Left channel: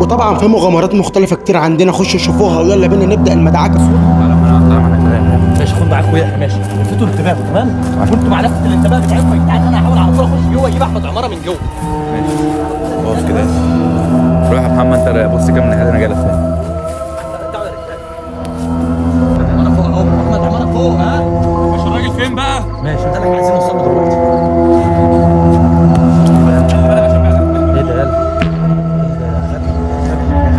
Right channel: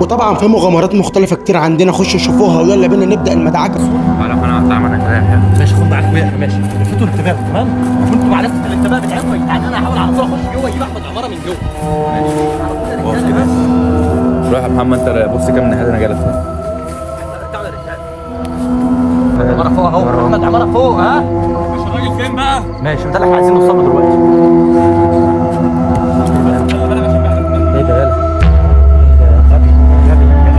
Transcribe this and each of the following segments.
وطبعا في مغامرات مختلفه كتير عندنا، خشوا شوفوها ويلا بينا نبدا المدعكه. على ما انا هتعامل معاك. ماشي خد معاك اخويا ماشي. انتوا انتباه تمام؟ وانتوا مع نفس الانتباه بتاعتكم يا جدعان. انا هحاول على طول اخش جوه اجيب احمد عماره من جوه. ماشي واقف كده. روح يا محمد انت بص كده من ناحيه انا جاي فين. عماره فوق اهو. احمد عماره فوق ها؟ مش الراجل فين بقى؟ ماشي ده اللي احنا عايزين نوصله دلوقتي. ايه ده يلا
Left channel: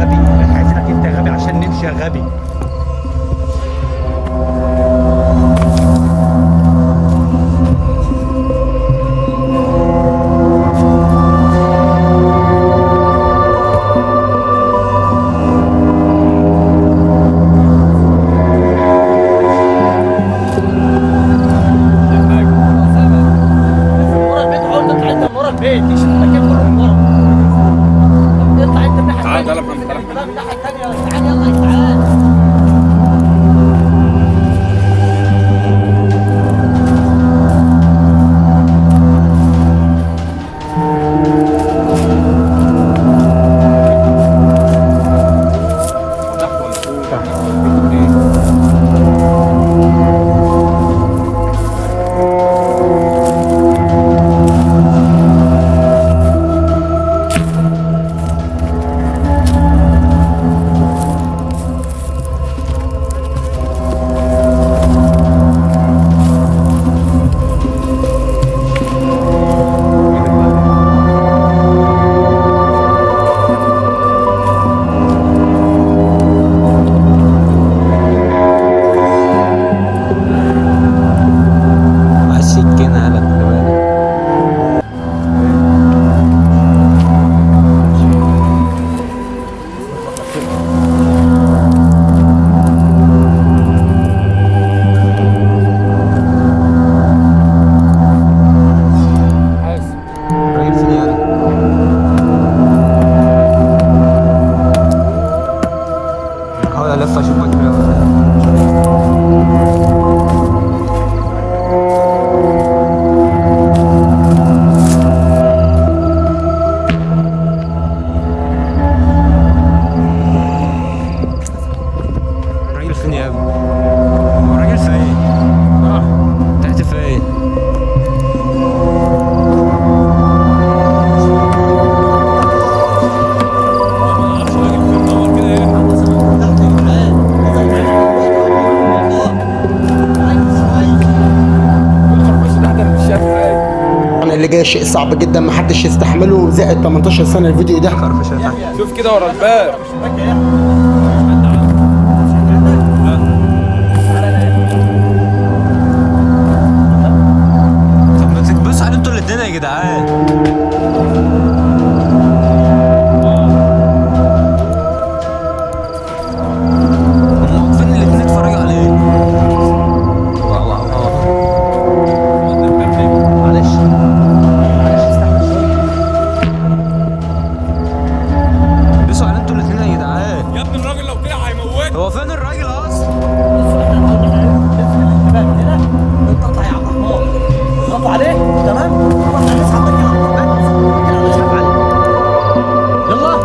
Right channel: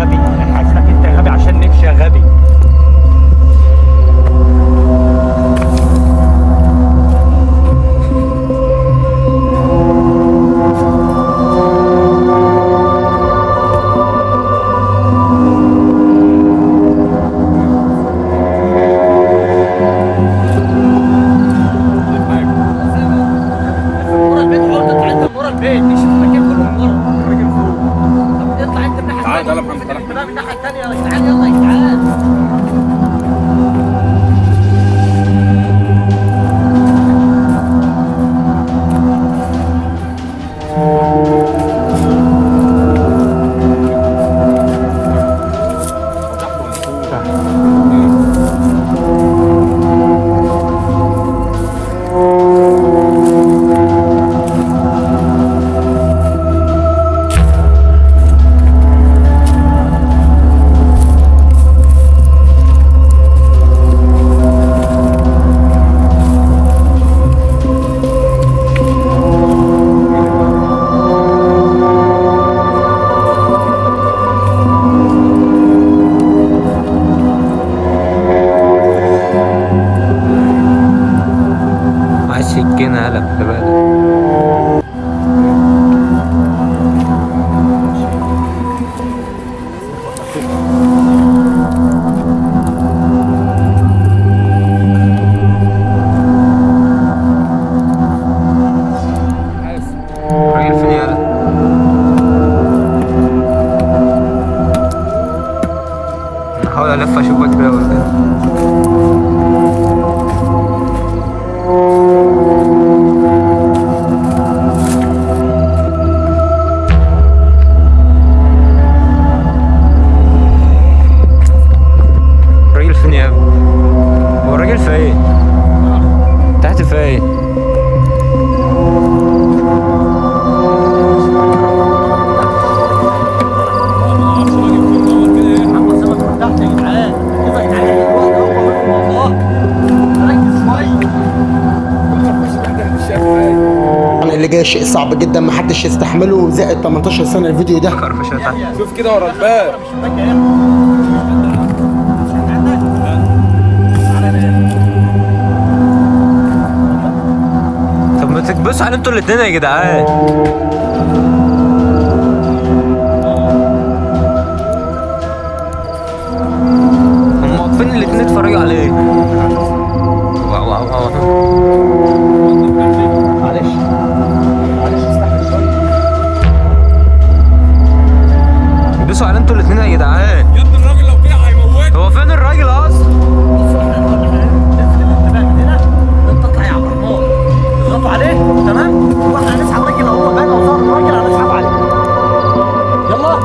غبي. حاجتك انت غبي عشان نمشي يا غبي. تعالى تعالى محمد تعالى محمد. الناحية الثانية يا جدعان. يلا يا جدعان. عايز سكينة هلا خلي بالك. الراجل فين يالا؟ انا هحاول الف اشوفك كده ولا إيه. الراجل فين يا ابني؟ هو الراجل فين؟ تحت فين؟ محمد سامع من تحت يا جدعان. يلا يا جدعان دلوقتي اهو والله. ركز شوية. طبعا اللي جاي شيء صعب جدا محدش يستحمله، زائد 18 سنه الفيديو ده. خرفشة تحت. شوف كده ورا الباب. طب ما تكبسوا على انتوا الاتنين يا جدعان. هم واقفين الاتنين يتفرجوا عليك. واو واو واو. معلش كبسوا على انتوا الاتنين يا جدعان. يا ابني الراجل لو كده هيموت. هو فين الراجل اصلا؟ هنا نطلع يا عبد الرحمن. اضغطوا عليه تمام. واحنا هنسحب الراجل اهو بقى وصار الراجل هنسحب عليه. يلا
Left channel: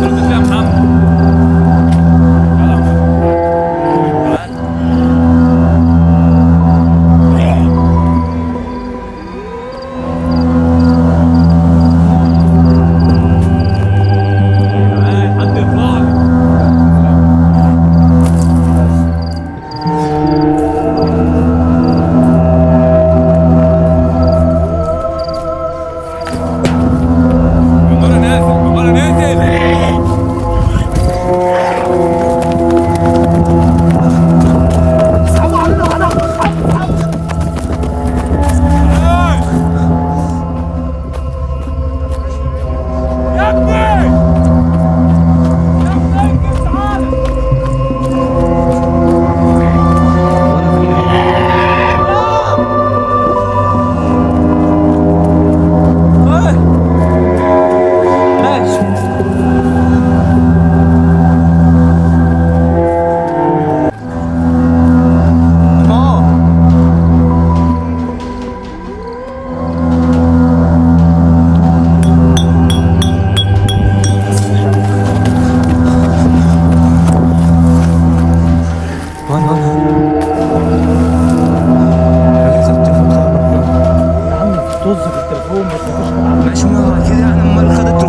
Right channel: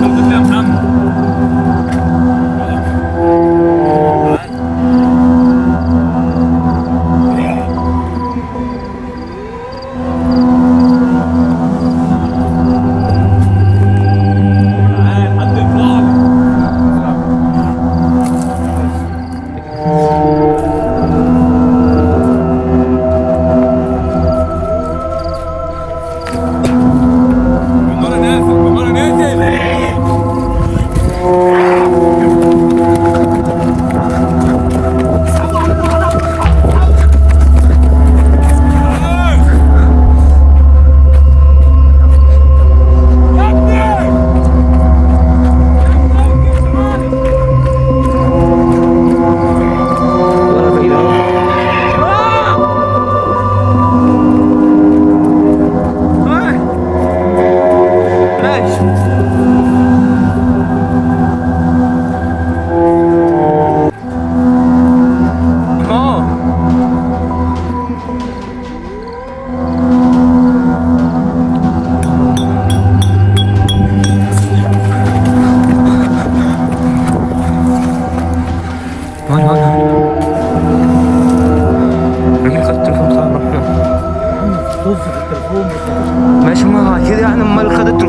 شفت يا محمد. يلا تعال.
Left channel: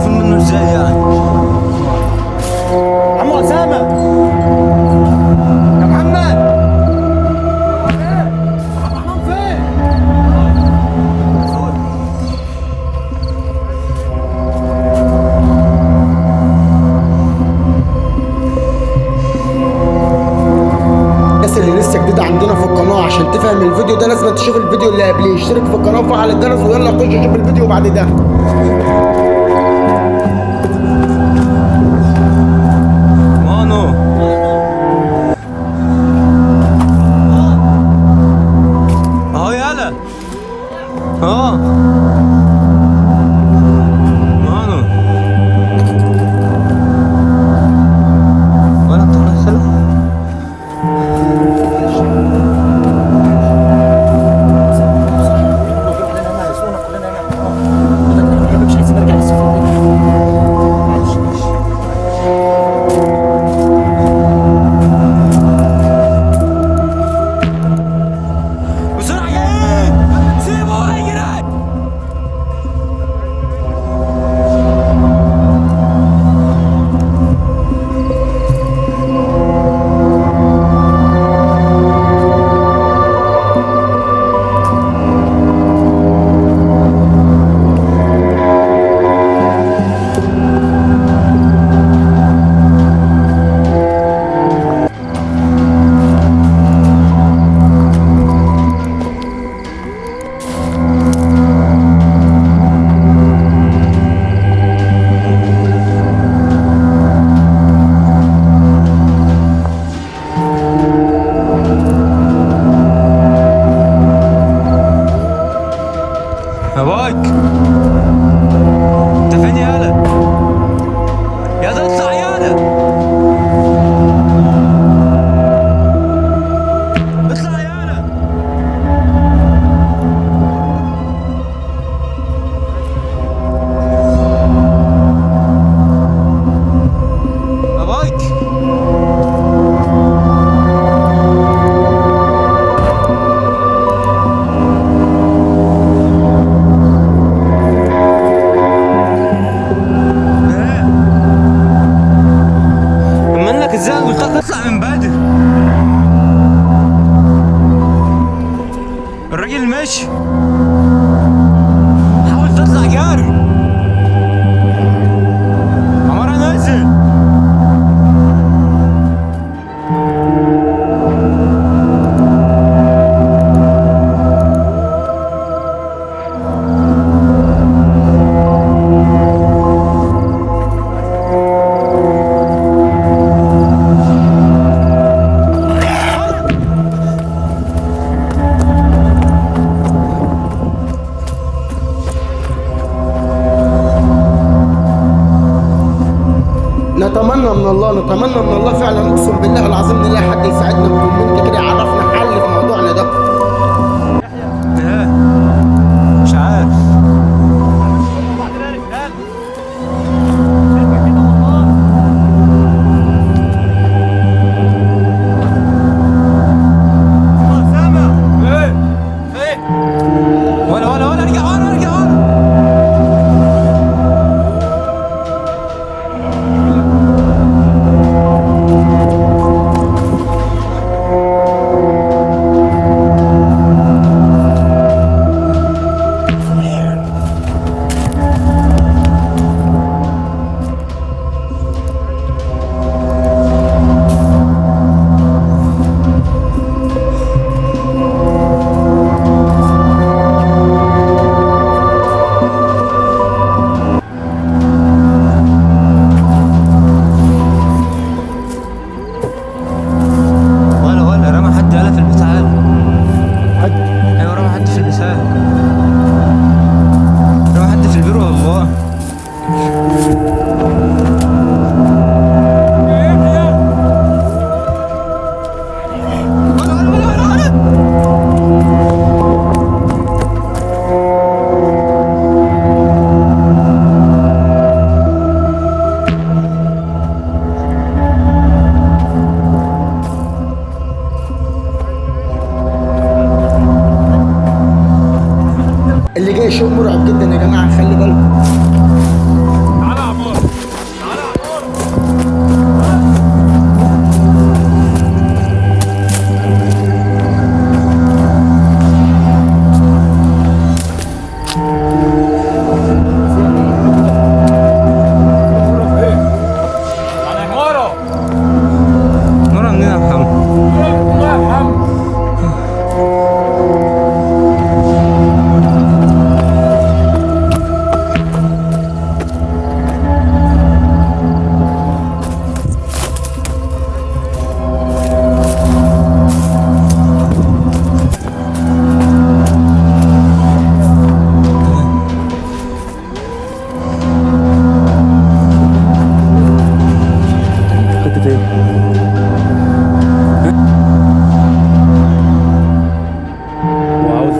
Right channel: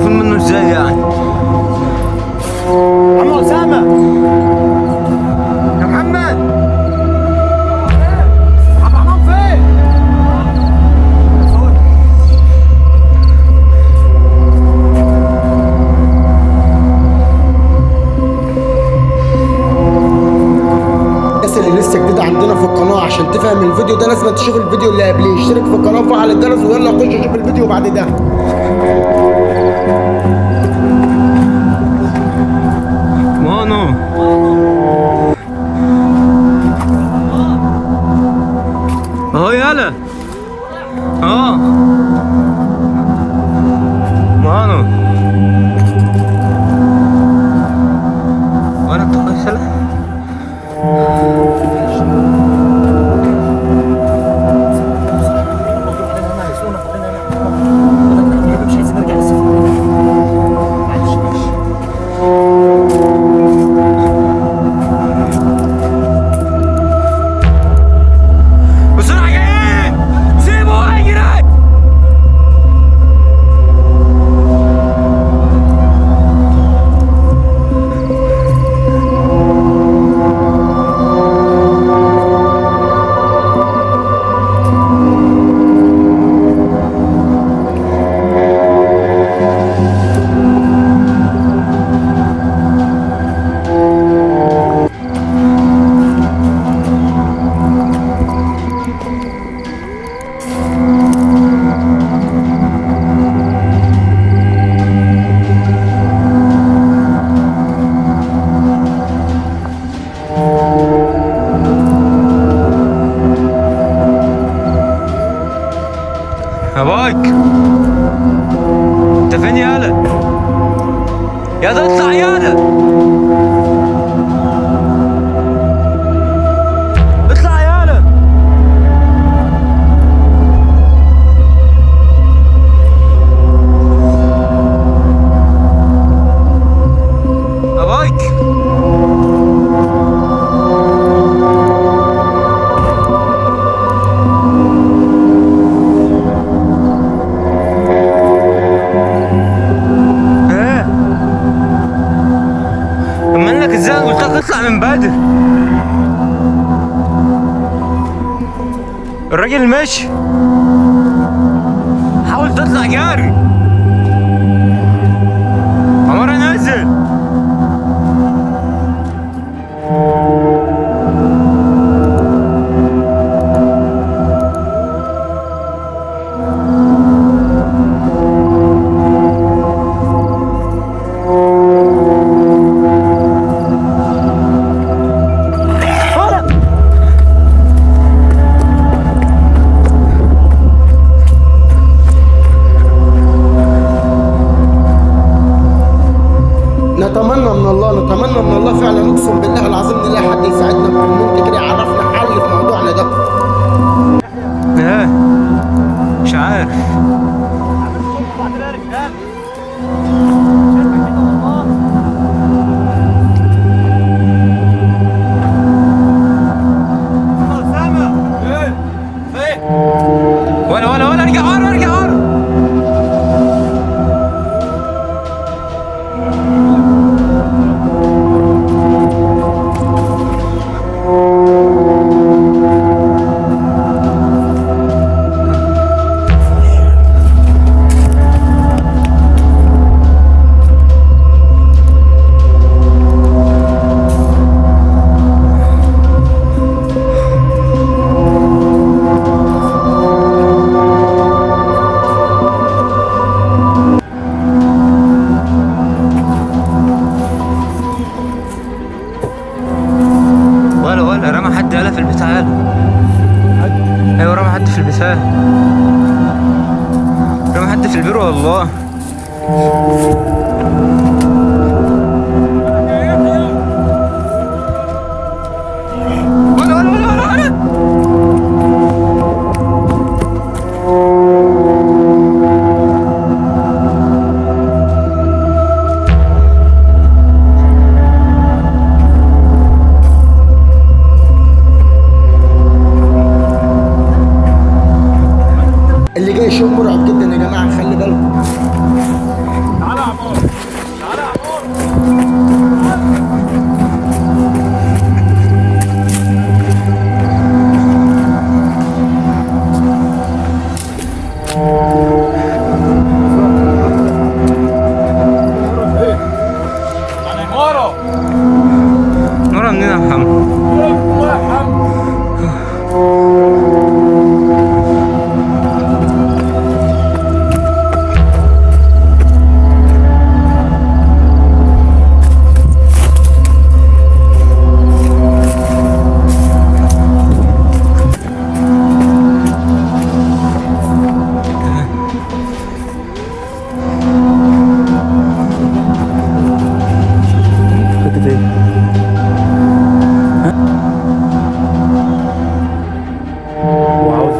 خايفين منه ازاي يعني؟ عم اسامه يا محمد عبد الرحمن فين؟ الناس اللي لسه جديدة عندنا في القناة، عشان تفهم الفيديو ده لازم تشوف الفيديو اللي قبليه. اشترك في القناة وفعل الجرس ويلا خش شوف الفيديو بعد ده. مانو اهو يالا. اه مانو ولا تقصله. مش عايزين نرجع للسفر. معلش بسرعة جايين، سيبوا اجري. يا بايك انت فين يالا؟ يا ده اطلع يالا، اطلع يالا. يا بايك ازاي قلت لك اطلع من بدري؟ الراجل ماشي، حاول تطلع جاري. عمر نازل. نتمنى من الله فعلا، اقسم بالله العظيم نلاقي حد يساعدنا بكومنت كده يعرفنا حل في موضوعنا ده. ايه مش عارف. بعد ذلك قال شايفك كده والله. عم اسامه فين؟ ولا ارجع ورا. ولا رمى حد يالا في البتاع. ايوه رمى حد في البتاع، رمى حد في البير والله. ولا اللي جاي شيء مرعب جدا يا جماعه، خلي بالكم. تعالى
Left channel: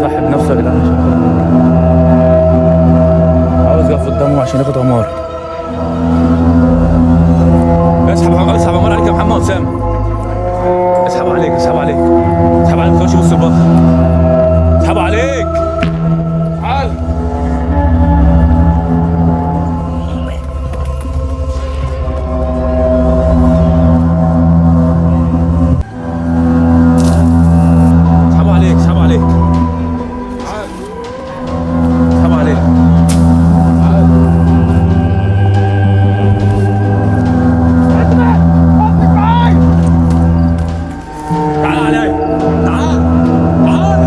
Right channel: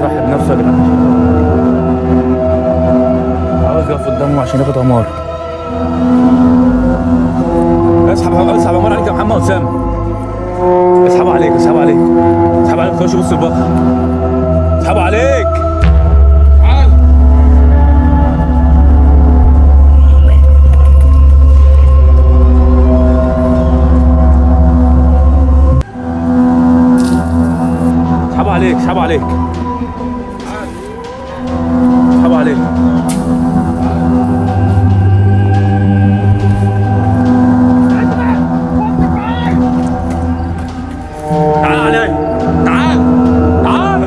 يضحي بنفسه يا جدعان عشان ياخد عمار. عاوز يقف قدامه عشان ياخد عمار. اسحب عمار عليك يا محمد وسام. اسحب عليك اسحب عليك اسحب عليك. خش بص البطل. اسحب عليك. تعال. اسحب عليك اسحب عليك. تعال. اسحب عليك. تعال. تعال عليك. تعال تعال.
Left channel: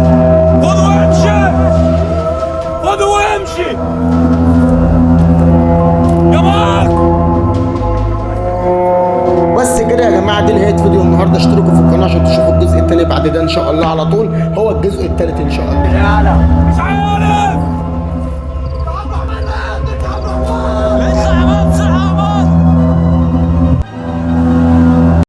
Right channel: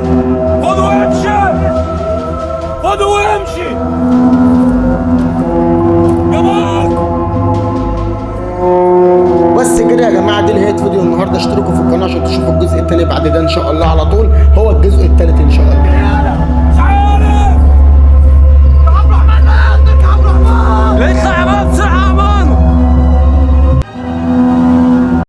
خذ وامشي. خذ وامشي يا مارك. بس كده يا جماعه، دي نهايه فيديو النهارده. اشتركوا في القناه عشان تشوفوا الجزء الثاني بعد ده ان شاء الله على طول. هو الجزء الثالث ان شاء الله. يلا مش